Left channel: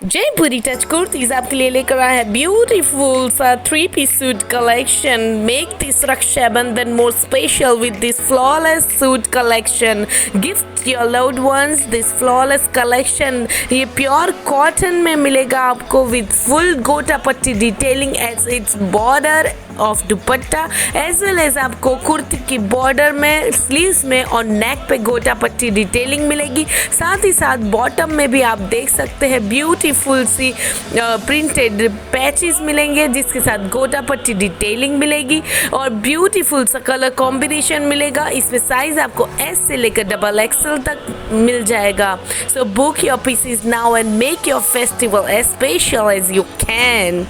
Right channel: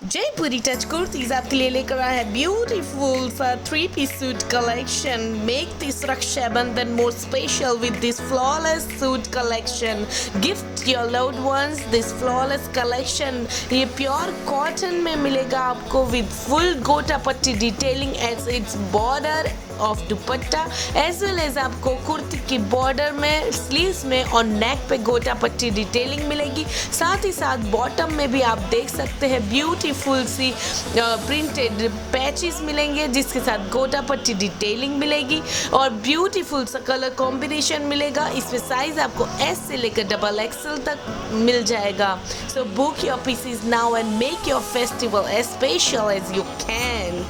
जयपुरी touch kurtis आपके लिए लेकर आया है ब्यूटीफुल सा 3-piece suit collection. Make this Rakshabandhan more special with this flawless suit collection. Gift your loved ones this flawless collection. ये प्योर कॉटन में मिलेगा आपको with full gota patti detailing as its border of dupatta as well as आपको कुर्ती की border में, sleeves में और नेक पे गोटा पट्टी डिटेलिंग मिलेगी। साथ ही साथ बॉटम में भी आप देख सकते हैं ब्यूटीफुल सी प्रिंटेड पैचेस मिलेंगे जिसके साथ गोटा पट्टी डिटेलिंग मिलेगी और ब्यूटीफुल सा कलर कॉम्बिनेशन मिलेगा। इसमें साइज आपको एस से लेकर XXL तक मिल जाएगा। So book your pieces now and make your festival as special as you can.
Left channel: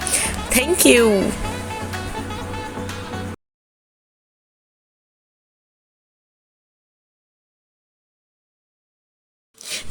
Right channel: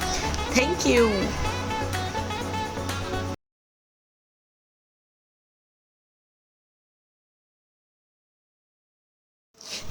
Thank you.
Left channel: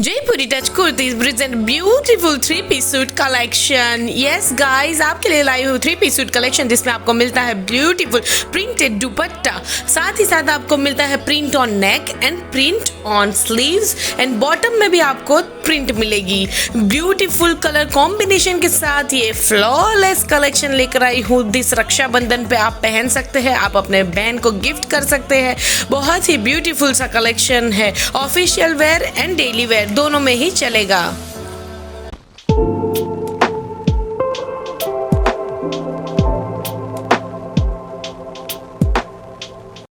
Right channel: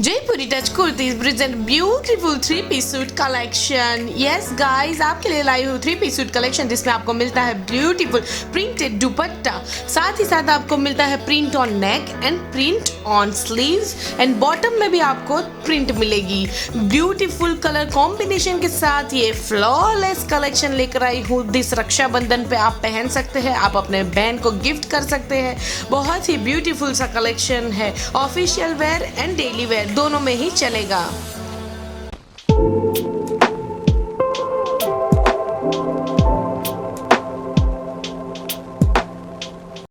Jaipuri touch kurtis present beautiful 3-piece suit collection. Yes guys, आपके लिए लाई हूँ 3-piece सूट कलेक्शन जिसमें आपको मिलता है ब्यूटीफुल प्रिंटेड दुपट्टा, साथ ही साथ आपको मिलता है print on neck and print on sleeves and bottom में भी आपको प्रिंट मिलेगी। ब्यूटीफुल कलर कॉम्बिनेशन के साथ ये फ्लॉलेस कलेक्शन लेकर आई हूँ। दिस रक्षाबंधन पे आप पहन सकते हैं, आप अपने बहन को गिफ्ट कर सकते हैं। बहुत ही ब्यूटीफुल सा कलेक्शन है, official wear and daily wear दोनों में ही चलेगा।